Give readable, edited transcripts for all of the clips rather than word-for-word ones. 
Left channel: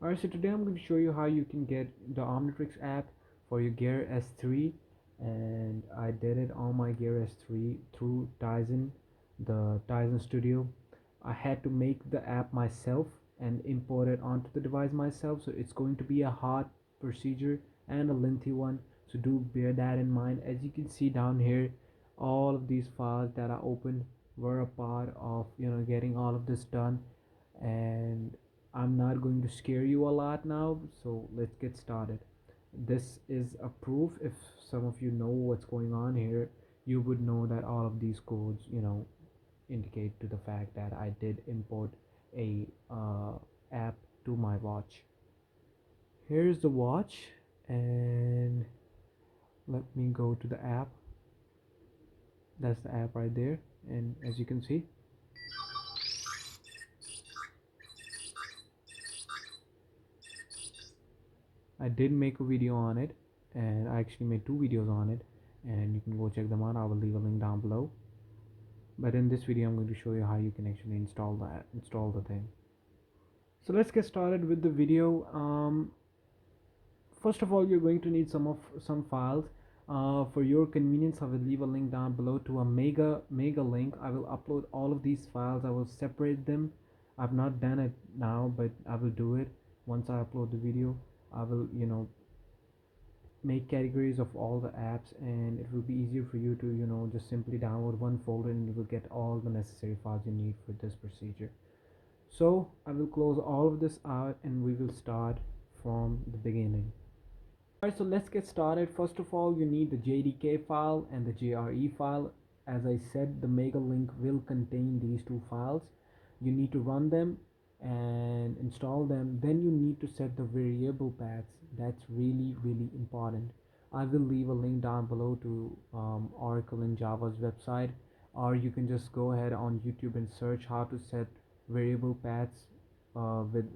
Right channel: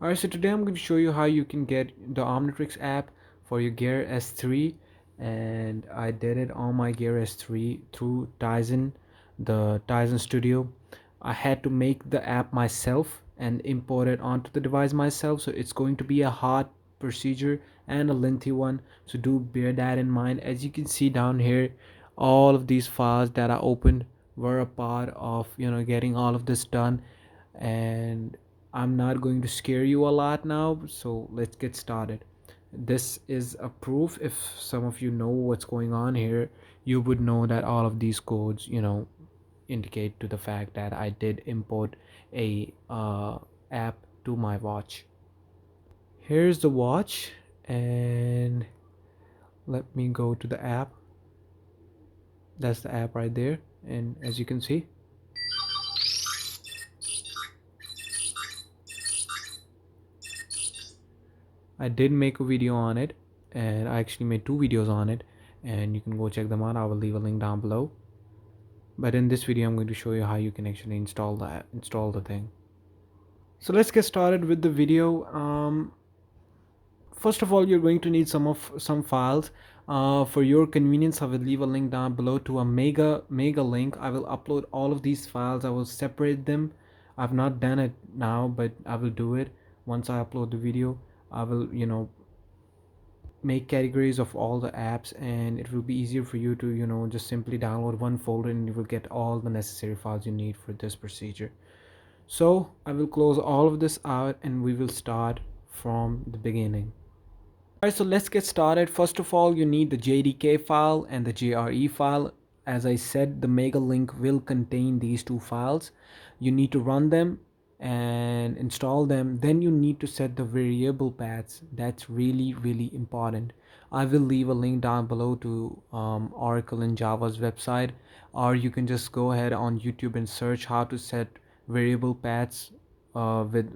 Alright, so today I'm going to show you how you can get the Omnitrix app for your Gear S3, and I did it on my Gear S3 through Tizen, the Tizen Studio. I had to make the app myself and import it onto the device myself, so it's going to be a hard procedure and a lengthy one, so do bear that in mind. As you can see down here, all of these files that I opened were a part of getting all of this done, and I'm not going to scare you a lot now, so let's get started. This is a proof. If some of you know what's going on here, you would know that all of these codes indicate to the fact that I did import a app to my watch. Here's the watch, and let me go to the app. That's the app right there, and as you can see, I did make a video on it, and I actually made two videos on it, and you can go check them out. I will leave a link down below. But in this video, I'm going to show you how you can actually install the thing. So let's get started with the video. First of all, you're going to need some files. For your convenience, I will leave a link down below to a mega link. I will upload all of these files. I will separate them. I've not done it now, but I will do it once I upload the video. I will make categories of all the apps, and it will be easier for you to just simply download one folder, and you will get all the necessary files you need for this procedure. So I will close all of this out, and we will start from the beginning. Alright, so let's get started. First of all, you need the JDK file and the JRE file. As I said, the mega link will contain these two files. You need to run them and install them. Then you need to set the variable paths. That's really important. I will leave a link down below to Oracle and Java's website, or you can just go ahead on YouTube and search how to set variable paths with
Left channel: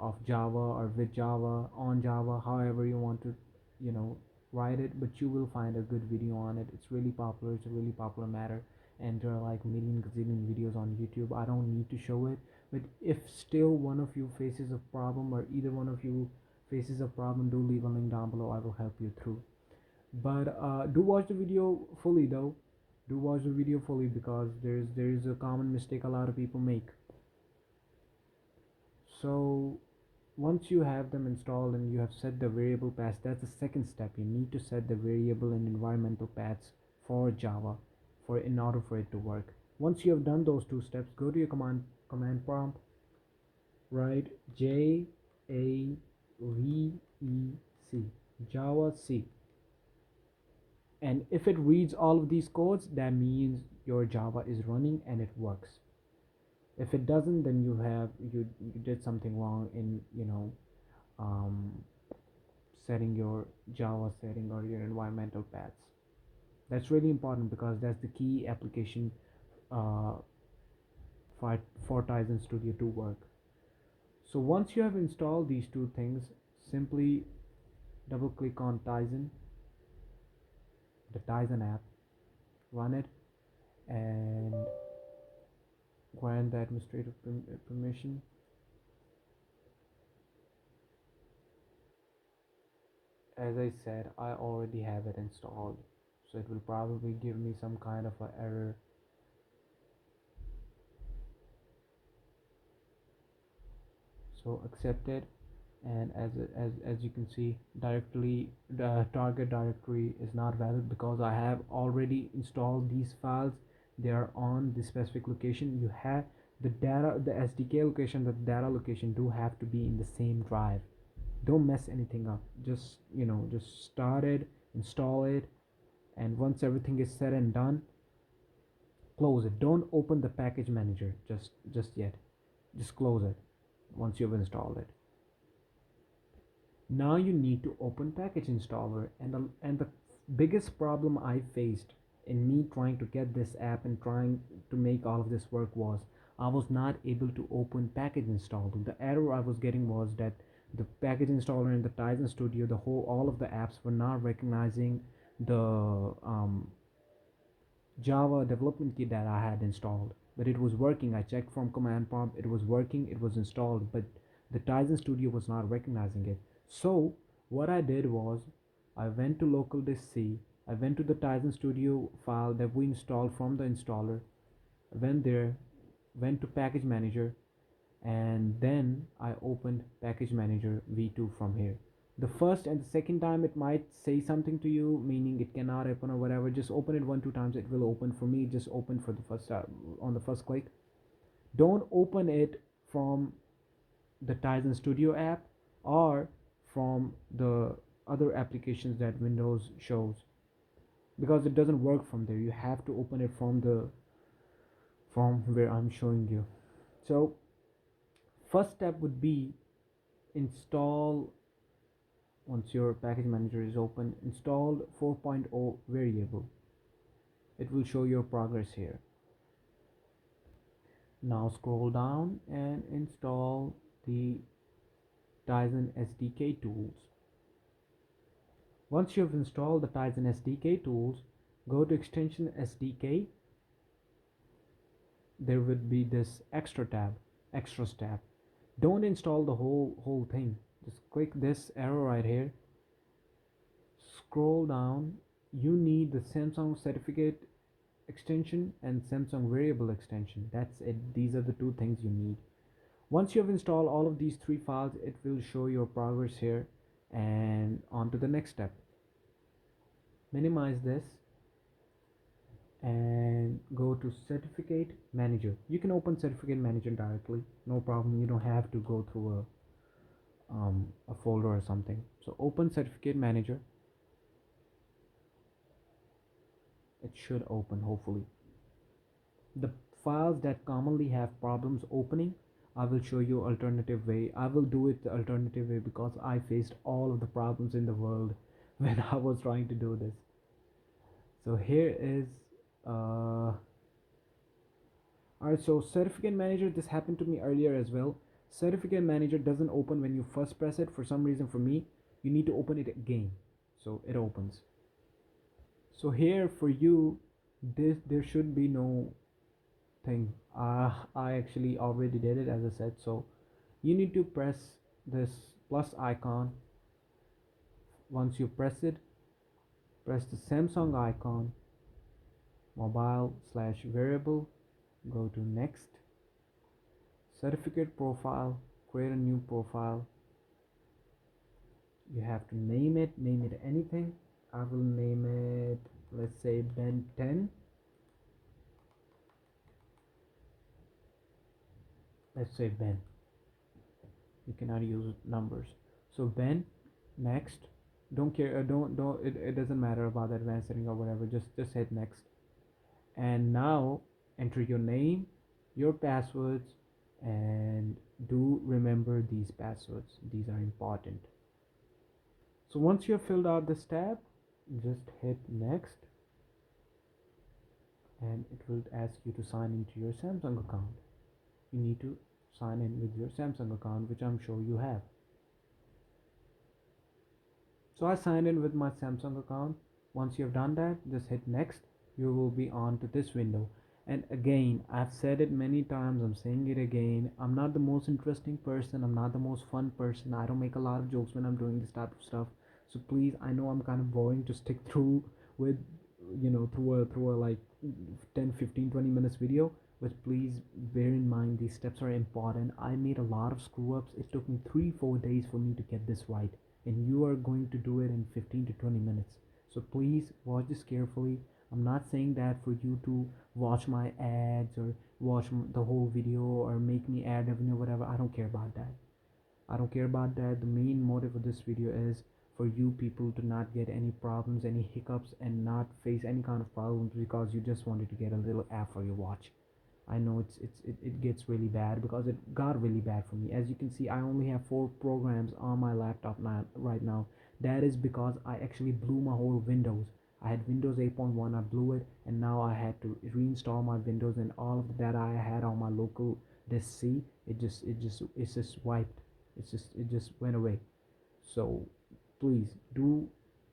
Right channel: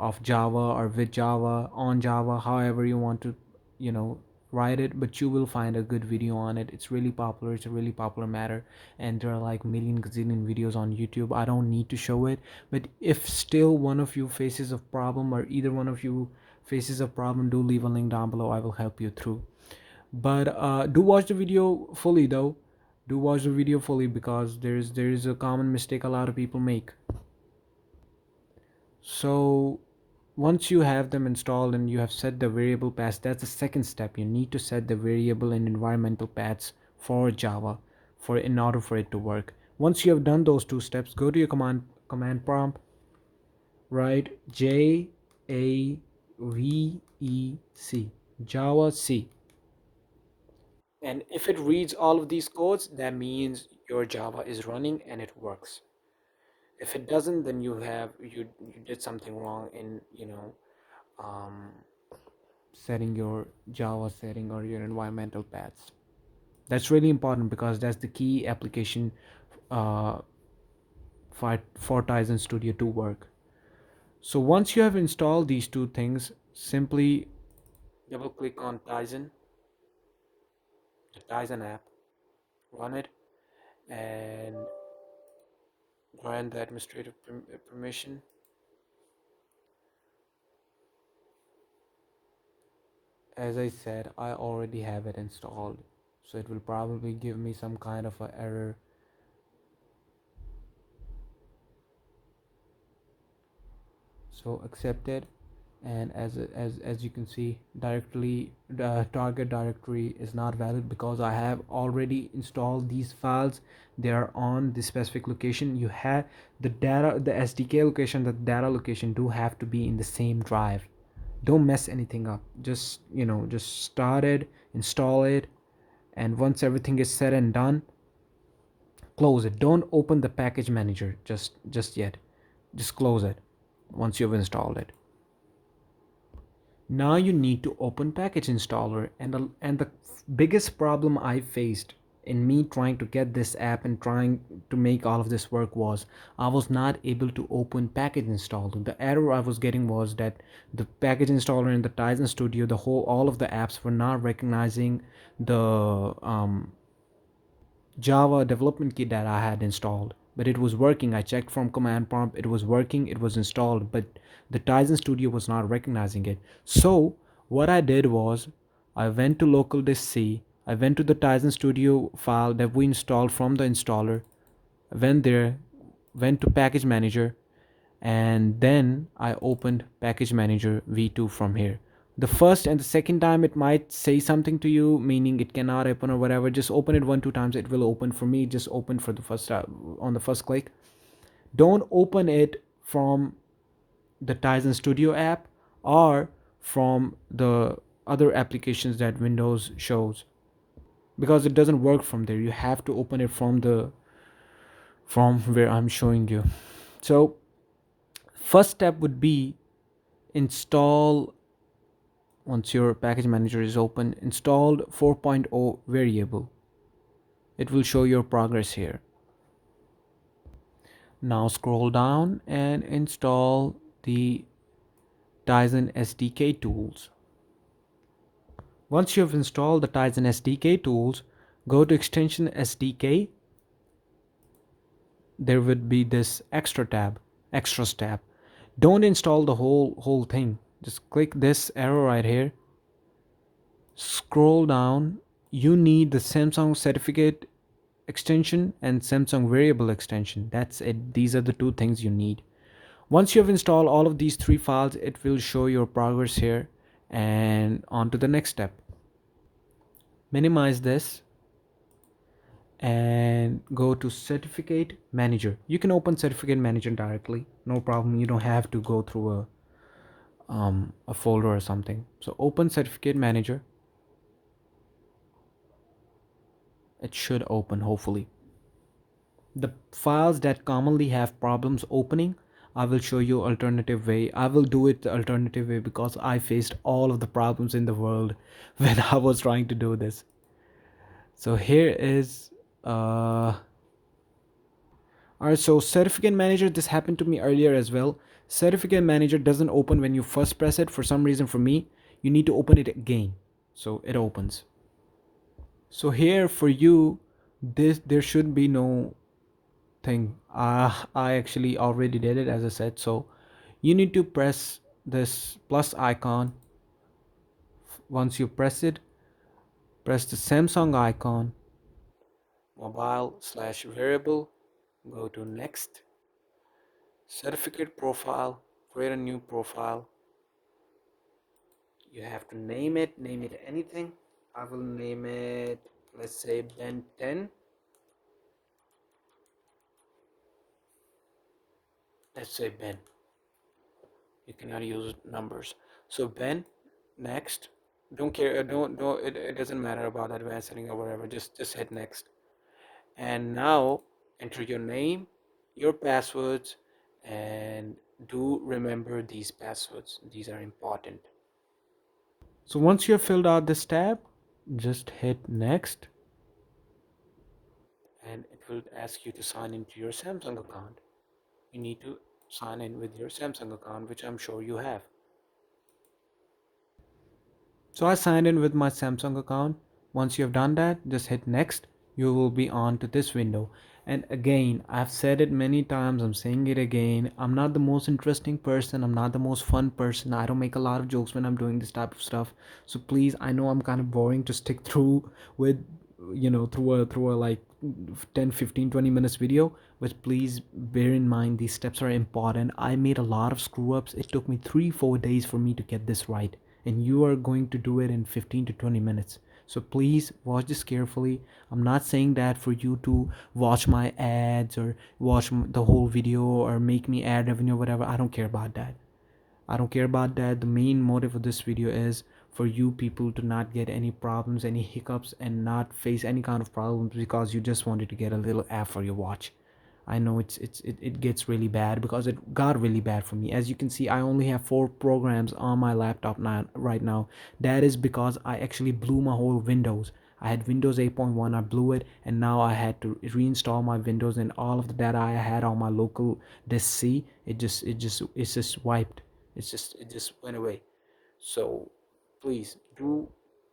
of Java, or with Java, on Java, however you want to you know write it, but you will find a good video on it. It's really popular. It's a really popular matter, and there are like million gazillion videos on YouTube. I don't need to show it, but if still one of you faces a problem, or either one of you faces a problem, do leave a link down below. I will help you through. But do watch the video fully though. Do watch the video fully, because there is a common mistake a lot of people make. So once you have them installed and you have set the variable paths, that's the second step. You need to set the variable and environmental paths for Java for in order for it to work. Once you have done those two steps, go to your command prompt, write JAVEC, Java C, and if it reads all of these codes, that means your Java is running and it works. If it doesn't, then you did something wrong in um, setting your Java setting or your environmental paths. That's really important, because that's the key application uh, for Tizen Studio to work. So once you have installed these two things, simply double click on Tizen, the Tizen app, run it, and grant the administrative permission. As I said, I already have it installed, so it will probably give me some kind of a error. So accept it, and as you can see, directly the target directory is not valid because I have already installed these files. They are on the specific location. You have the SDK location, the data location do have to be in the same drive. Don't mess anything up. Just start it, install it, and once everything is said and done, close it. Don't open the package manager just yet. Just close it once you've installed it. Now you need to open package installer, and the biggest problem I faced in me trying to get this app and trying to make all of this work was I was not able to open package installer. The error I was getting was that the package installer in the Tizen Studio, all of the apps were not recognizing the Java development kit that I had installed, but it was working. I checked from command prompt, it was working, it was installed, but The Tizen Studio was not recognizing it. So what I did was I went to local disk C. I went to the Tizen Studio file that we installed from the installer. I went there, went to Package Manager, and then I opened Package Manager v2 from here. The first and the second time it might say something to you, meaning it cannot open or whatever. Just open it 1 2 times, it will open. For me, just open for the first on the first click. Don't open it from the Tizen Studio app or from the other applications that Windows shows, because it doesn't work from there. You have to open it from where I'm showing you. So first step would be install. Once your package manager is open, installed 4.0 variable. It will show your progress here. Now scroll down and install the Tizen SDK tools. Once you have installed the Tizen SDK tools, go to extension SDK. There would be this extras tab. Don't install the whole thing. Just click this arrow right here. Scroll down. You need the Samsung certificate extension and Samsung variable extension. That's it. These are the two things you need. Once you have installed all of these three files, it will show your progress here. And on to the next step. Minimize this and go to certificate manager. You can open certificate manager directly, no problem. You don't have to go through a folder or something. So open certificate manager. It should open, hopefully. The files that commonly have problems opening, I will show you alternative way. I will do it the alternative way because I faced all of the problems in the world when I was trying to do this. So here is alright, so certificate manager, this happened to me earlier as well. Certificate manager doesn't open when you first press it. For some reason, for me, you need to open it again. So it opens. So here for you, there should be no thing. I actually already did it, as I said. So you need to press this plus icon. Once you press it, press the Samsung icon, mobile/variable, go to next, certificate profile, create a new profile. You have to name it anything. I will name it, let's say, Ben 10. Let's say Ben. You cannot use numbers. So Ben, next. Don't care. Don't. It doesn't matter about advanced setting or whatever. Just hit next. And now enter your name, your passwords, and do remember these passwords. These are important. So once you have filled out this tab, just hit next, and it will ask you to sign into your Samsung account. You need to sign in with your Samsung account, which I'm sure you have. So I signed in with my Samsung account. Once you have done that, just hit next. You will be on to this window. And again, I've said it many times, I'm saying it again. I'm not the most interesting person. I'm not the most fun person. I don't make a lot of jokes when I'm doing this type of stuff. So please, I know I'm kind of boring to stick through with, through a like 10, 15, 20 minutes video. But please bear in mind, these steps are important. I made a lot of screw ups. It took me 3 4 days for me to get this right, and you are going to do it in 15 to 20 minutes. So please watch this carefully. I'm not saying that for you to watch my ads or watch the whole video or make me ad revenue or whatever. I don't care about that. I don't care about that. The main motive of this video is for you people to not get any problems, any hiccups, and not face any kind of problems because you just wanted to get a little ad for your watch. I know it gets really bad because it got really bad for me. As you can see, I only have 4 programs on my laptop now right now. That is because I actually blew my whole Windows. I had Windows 8.1, I blew it, and now I had to reinstall my Windows, and all of the data I had on my local disk C, it's just wiped. It just went away. So please do,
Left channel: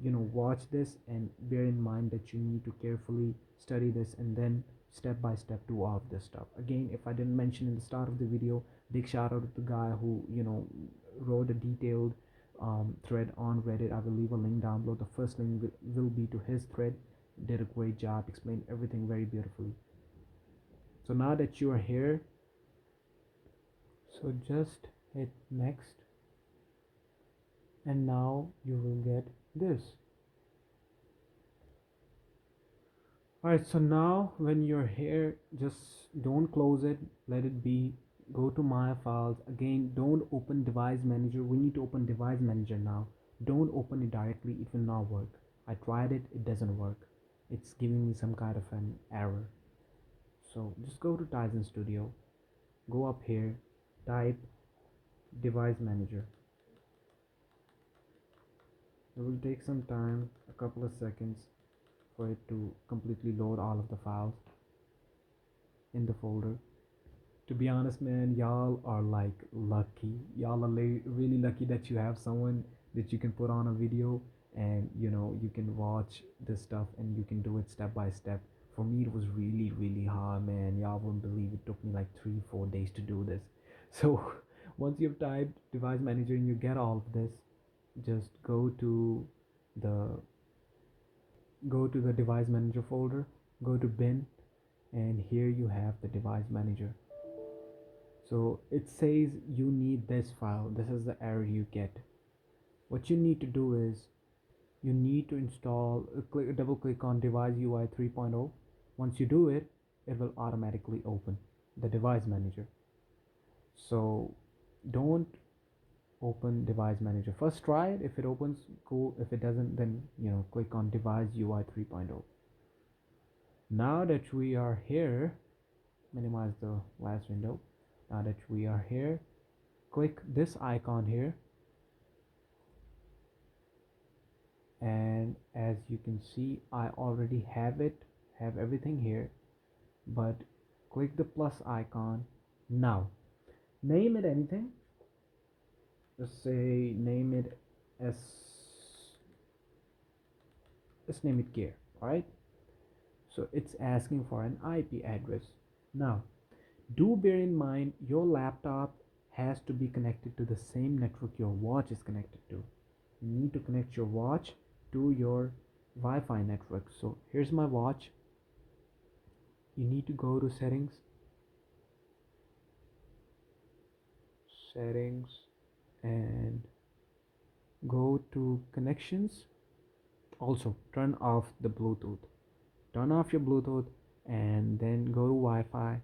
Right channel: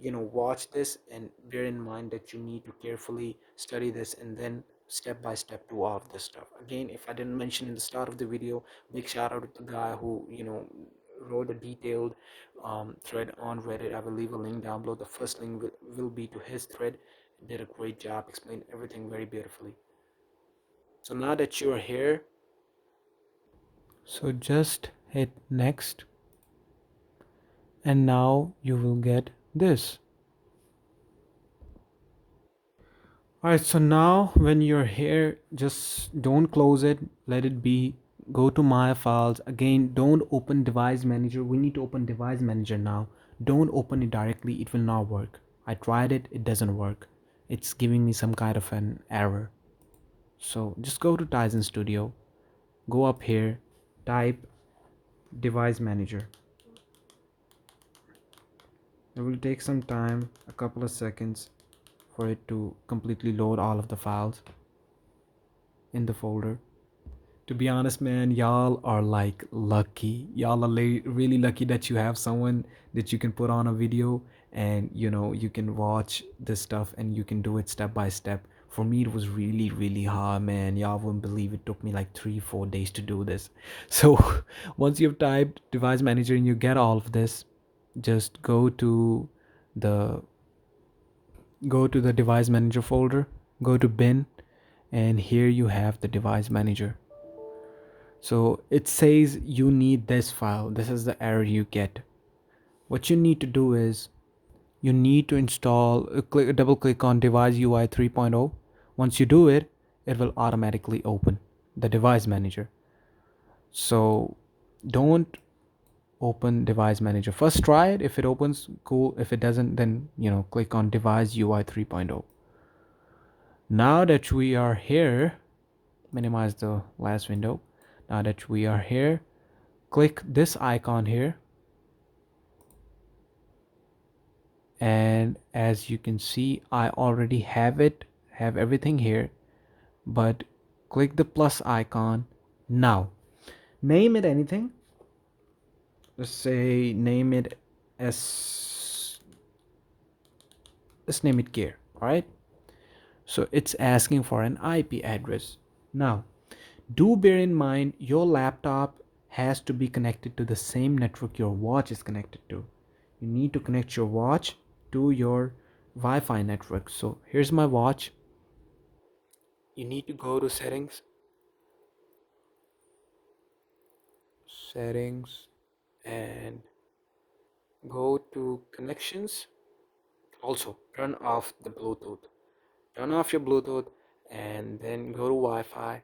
watch this and bear in mind that you need to carefully study this and then step by step do all of this stuff. Again, if I didn't mention in the start of the video, big shout out to the guy who wrote a detailed thread on Reddit. I will leave a link down below. The first link will be to his thread. Did a great job, explained everything very beautifully. So now that you're here, so just hit next, and now you will get this. Alright, so now when you're here, just don't close it, let it be. Go to my files. Again, don't open device manager. We need to open device manager now. Don't open it directly, it will not work. I tried it, it doesn't work. It's giving me some kind of an error. So just go to Tizen Studio, go up here, type device manager. It will take some time, a couple of seconds, for it to completely load all of the files in the folder. To be honest, man, y'all are like lucky. Y'all are really lucky that you have someone that you can put on a video, and you can watch this stuff and you can do it step by step. For me, it was really hard, man. Y'all wouldn't believe it took me like 3-4 days to do this. So once you've typed device manager and you get all of this, just the go to the device manager folder, go to bin, and here you have the device manager. So it says you need this file. This is the error you get. What you need to do is you need to install, double click on device UI 3.0. Once you do it, it will automatically open the device manager. So don't open device manager. First try it. If it opens, cool. If it doesn't, then click on device UI 3.0. Now that we are here, minimize the last window. Now that we are here, click this icon here, and as you can see, I already have everything here, but click the plus icon. Now name it anything. Let's say name it as, let's name it gear. All right, so it's asking for an IP address. Now do bear in mind your laptop has to be connected to the same network your watch is connected to. You need to connect your watch to your Wi-Fi network. So here's my watch. You need to go to settings, and go to connections. Also turn off the Bluetooth. Turn off your Bluetooth and then go to Wi-Fi.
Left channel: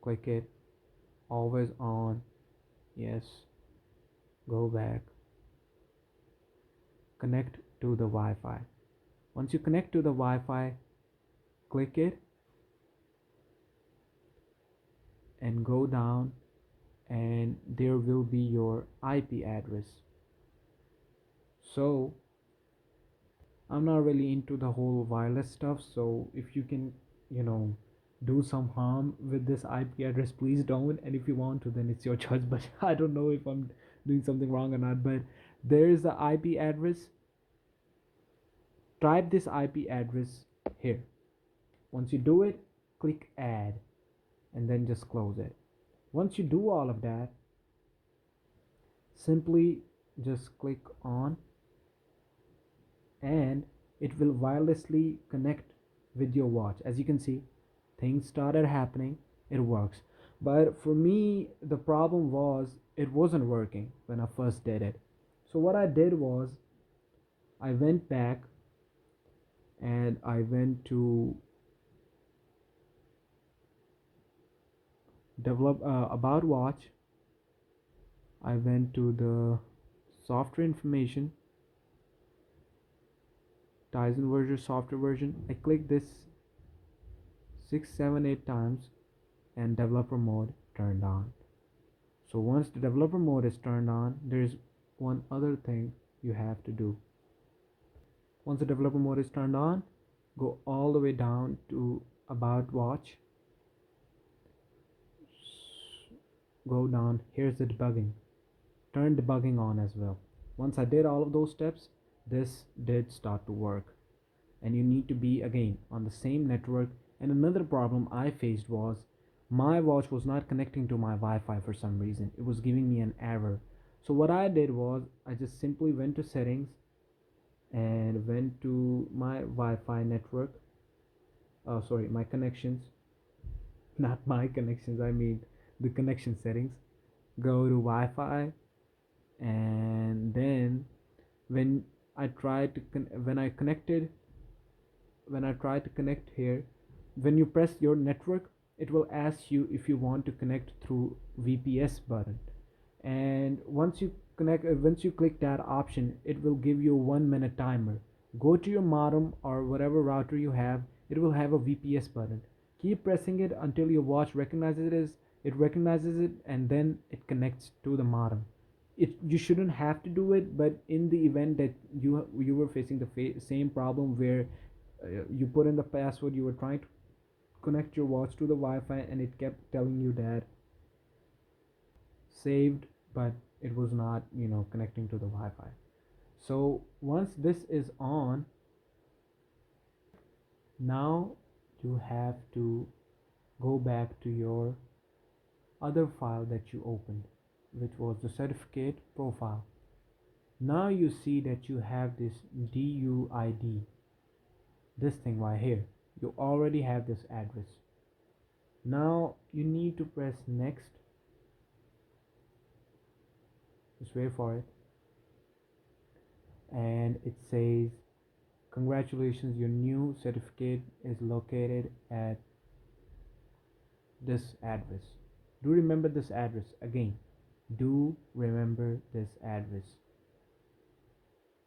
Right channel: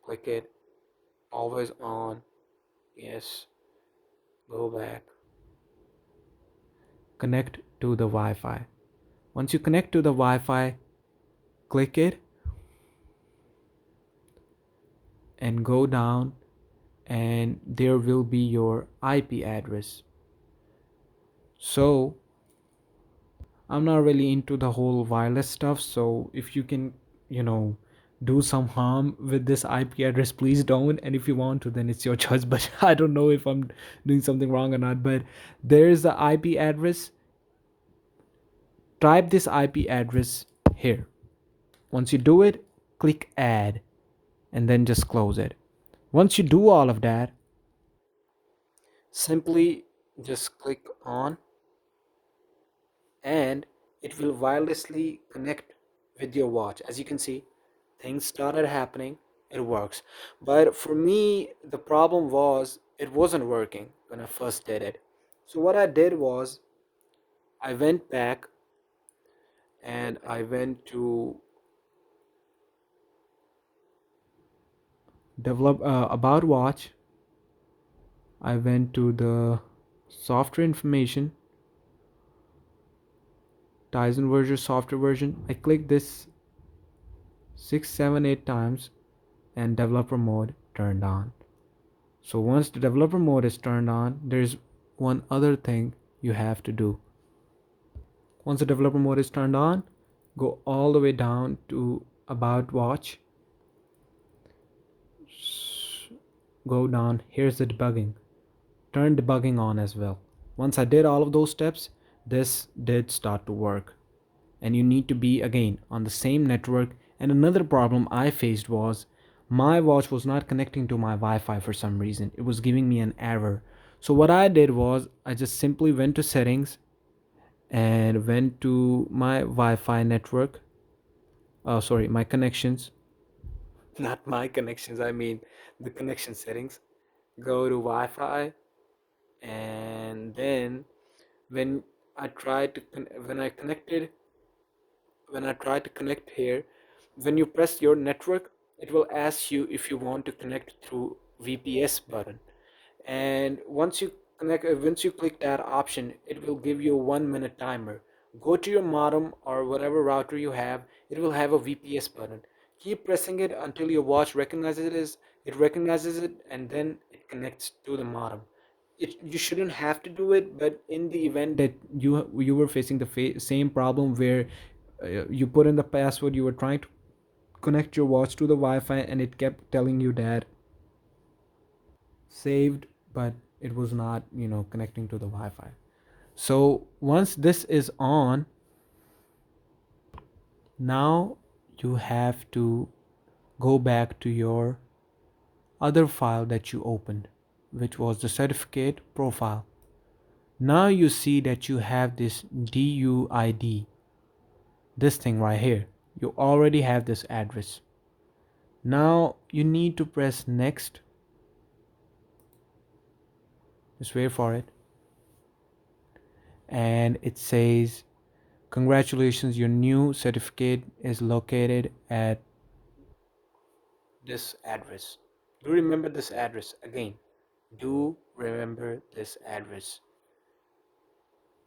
Click it. Always on. Yes. Go back. Connect to the Wi-Fi. Once you connect to the Wi-Fi, click it and go down, and there will be your IP address. So I'm not really into the whole wireless stuff, so if you can do some harm with this IP address, please don't. And if you want to, then it's your choice. But I don't know if I'm doing something wrong or not. But there's the IP address. Type this IP address here. Once you do it, click add, and then just close it. Once you do all of that, simply just click on, and it will wirelessly connect with your watch. As you can see, things started happening. It works. But for me, the problem was it wasn't working when I first did it. So what I did was I went back and I went to develop about watch. I went to the software information, Tizen version, software version. I clicked this 6 7 8 times, and developer mode turned on. So once the developer mode is turned on, there's one other thing you have to do. Once the developer mode is turned on, go all the way down to about watch. Go down, here's the debugging. Turn debugging on as well. Once I did all of those steps, this did start to work. and you need to be again on the same network. And another problem I faced was my watch was not connecting to my Wi-Fi for some reason. It was giving me an error. So what I did was I just simply went to settings and went to my Wi-Fi network. Oh, sorry, my connections. Not my connections, I mean the connection settings. Go to Wi-Fi, and then when I tried to when I connected, when I try to connect here, when you press your network, it will ask you if you want to connect through VPS button. And once you click that option, it will give you a 1 minute timer. Go to your modem or whatever router you have, it will have a VPS button. Keep pressing it until your watch recognizes it, and then it connects to the modem. You shouldn't have to do it, but in the event that you were facing the same problem where you put in the password, you were trying to connect your watch to the Wi-Fi and it kept telling you that saved, but it was not, connecting to the Wi-Fi. So once this is on, now you have to go back to your other file that you opened, which was the certificate profile. Now you see that you have this DUID, this thing right here. You already have this address. Now you need to press next. Just wait for it. And it says, congratulations, your new certificate is located at this address. Do remember this address again. Do remember this address.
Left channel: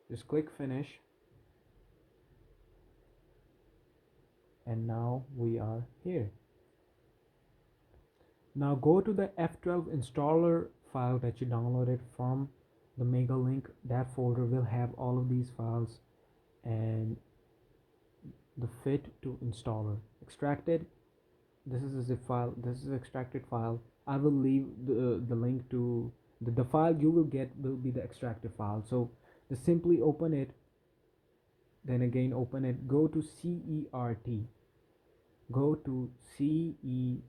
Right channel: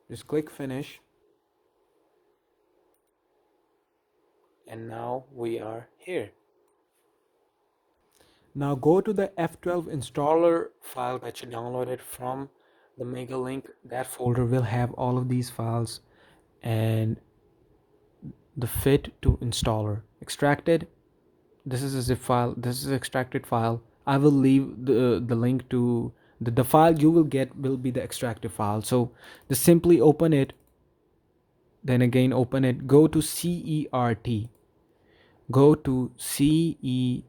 Just click finish. And now we are here. Now go to the F12 installer file that you downloaded from the mega link. That folder will have all of these files and the fit to installer extracted. This is a zip file, this is extracted file. I will leave the link to the file you will get will be the extracted file. So just simply open it, then again open it, go to CERT, go to CERT.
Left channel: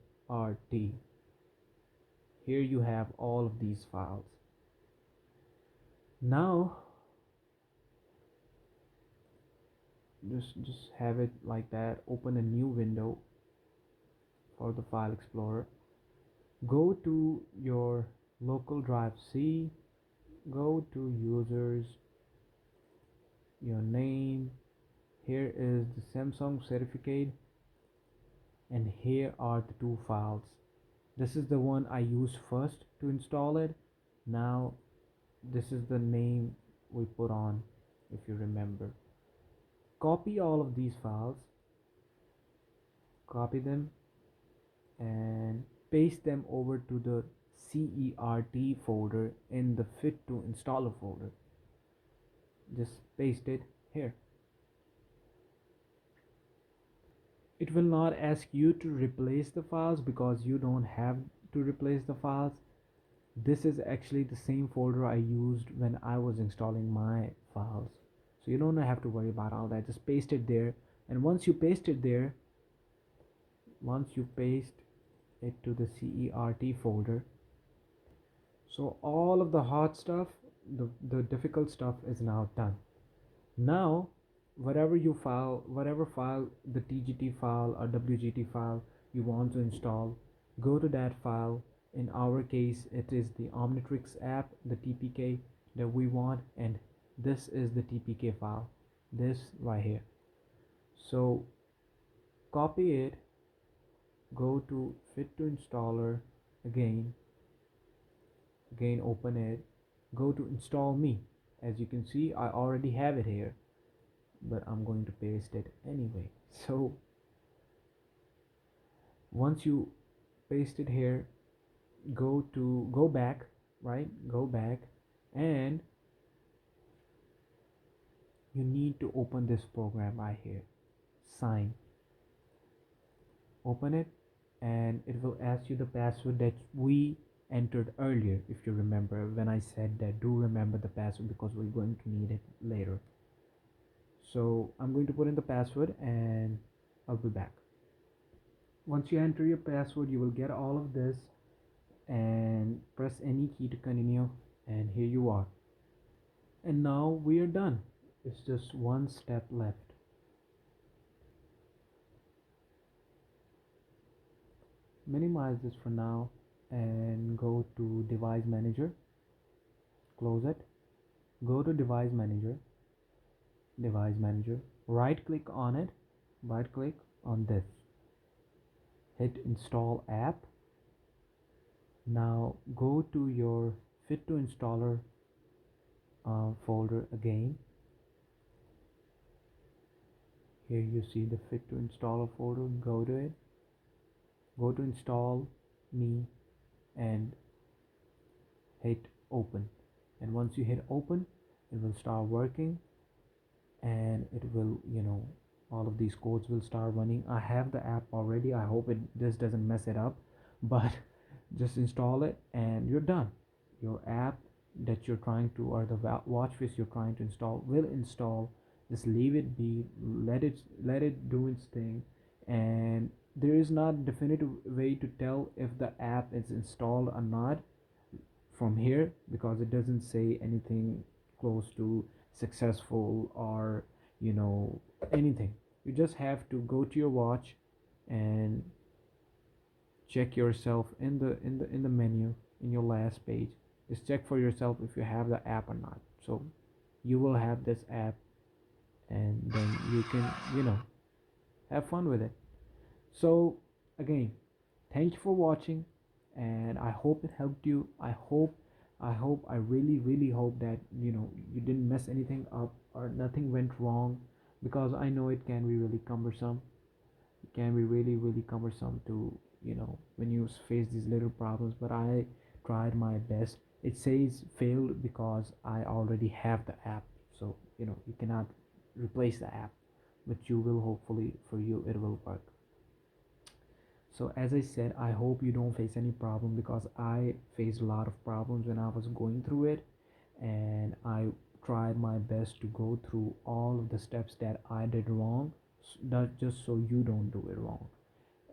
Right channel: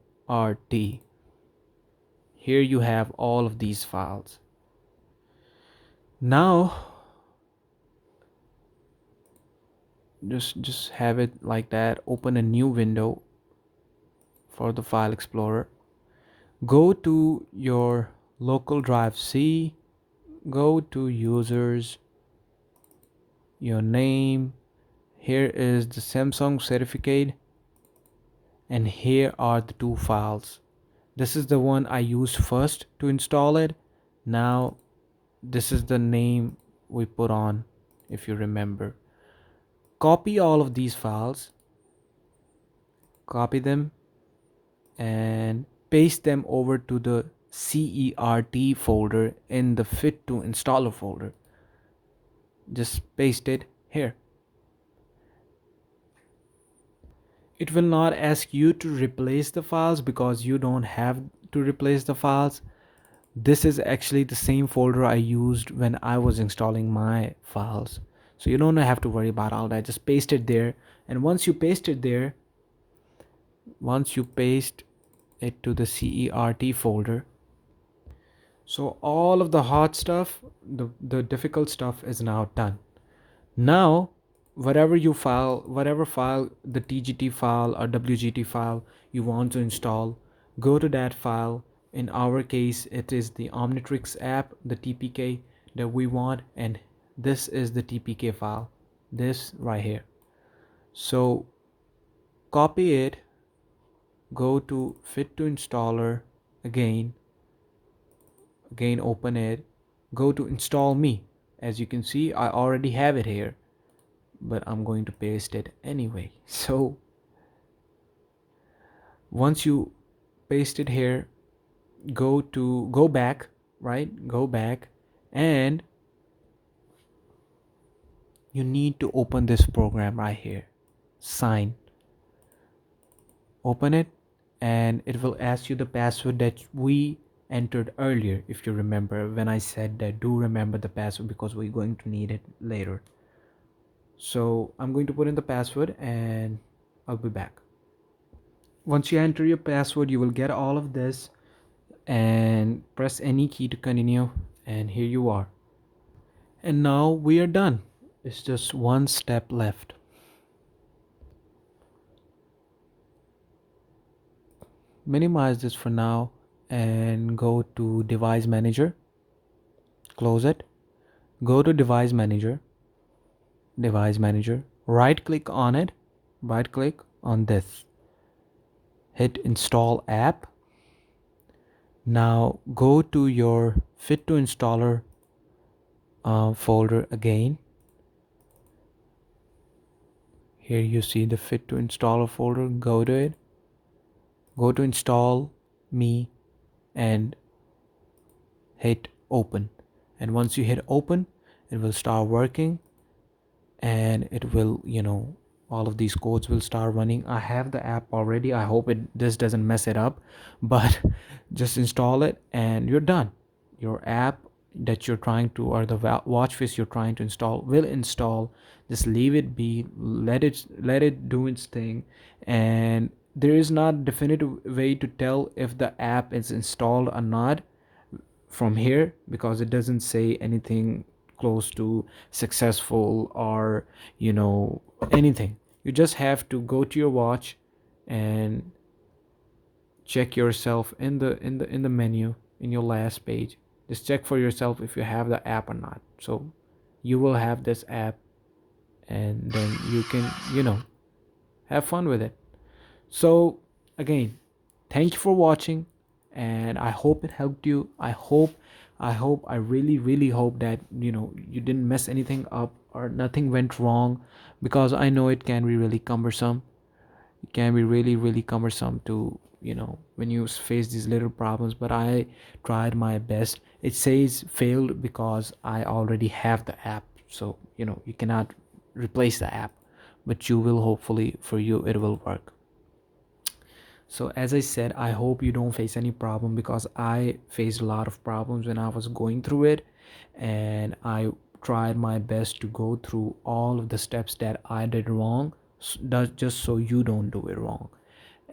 Here you have all of these files. Now just have it like that. Open a new window for the file explorer. Go to your local drive C, go to users, your name. Here is the Samsung certificate, and here are the two files. This is the one I used first to install it. Now this is the name we put on, if you remember. Copy all of these files, copy them and paste them over to the CERT folder in the fit to installer folder. Just paste it here. It will not ask you to replace the files because you don't have to replace the files. This is actually the same folder I used when I was installing my files. So you don't have to worry about all that. Just paste it there. And once you paste it there, once you paste it to the CERT folder, so all of the hard stuff, the difficult stuff is now done. Now, whatever file, the TGT file or WGT file you want to install, go to that file. In our case, it is the Omnitrix app, the TPK that we want, and this is the TPK file, this right here. So copy it, go to fit to installer again, open it, go to install me. As you can see, I already have it here, but I'm going to paste it anyway. So once you paste it here, go back, right? Go back, and you need to open this program right here. Sign. Open it, and it will ask you the password that we entered earlier. If you remember when I said that, do remember the password because we're going to need it later. So I'm going to put in the password and I'll be back. Once you enter your password, you will get all of this, and press any key to continue, and here you are. And now we are done. It's just one step left. Minimize this for now and go to device manager. Close it. Go to device manager, right click on it, right click on this, hit install app. Now go to your fit to installer folder again. Here you see the fit to installer folder. Go to it, go to install me, and hit open. And once you hit open, it will start working, and it will, all of these codes will start running. I have the app already. I hope this doesn't mess it up, but just install it and you're done. Your app that you're trying to, or the watch face you're trying to install, will install. Just leave it be, let it do its thing. And there is not definitive way to tell if the app is installed or not from here, because it doesn't say anything close to successful or you know anything. You just have to go to your watch and check yourself in the menu, in your last page. Just check for yourself if you have the app or not. So you will have this app, and then you can have fun with it. So again, thank you for watching, and I hope it helped you. I really hope that you didn't mess anything up or nothing went wrong, because I know it can be really cumbersome. It can be really cumbersome to when you face these little problems, but I tried my best. It says failed because I already have the app, so you cannot replace the app, but you will, hopefully for you it will work. So as I said, I hope you don't face any problem, because I faced a lot of problems when I was going through it, and I tried my best to go through all of the steps that I did wrong, just so you don't do it wrong.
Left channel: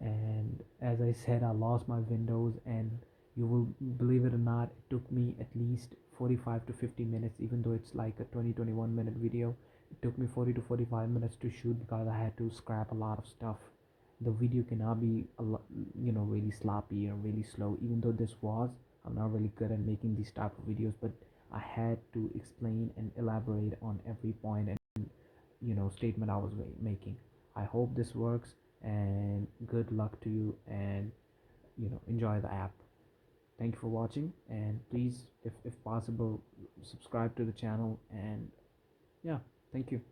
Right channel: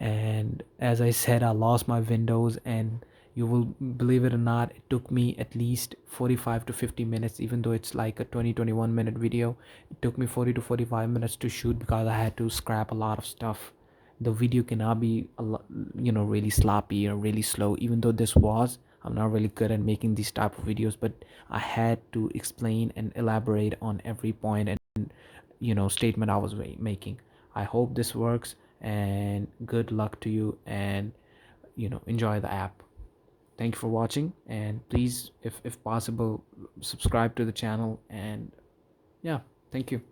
And as I said, I lost my windows, and you will believe it or not, it took me at least 45 to 50 minutes, even though it's like a 20-21 minute video. It took me 40 to 45 minutes to shoot, because I had to scrap a lot of stuff. The video cannot be really sloppy or really slow, even though this was, I'm not really good at making these type of videos, but I had to explain and elaborate on every point and statement I was making. I hope this works, and good luck to you, and enjoy the app. Thank you for watching, and please, if possible, subscribe to the channel. And yeah, thank you.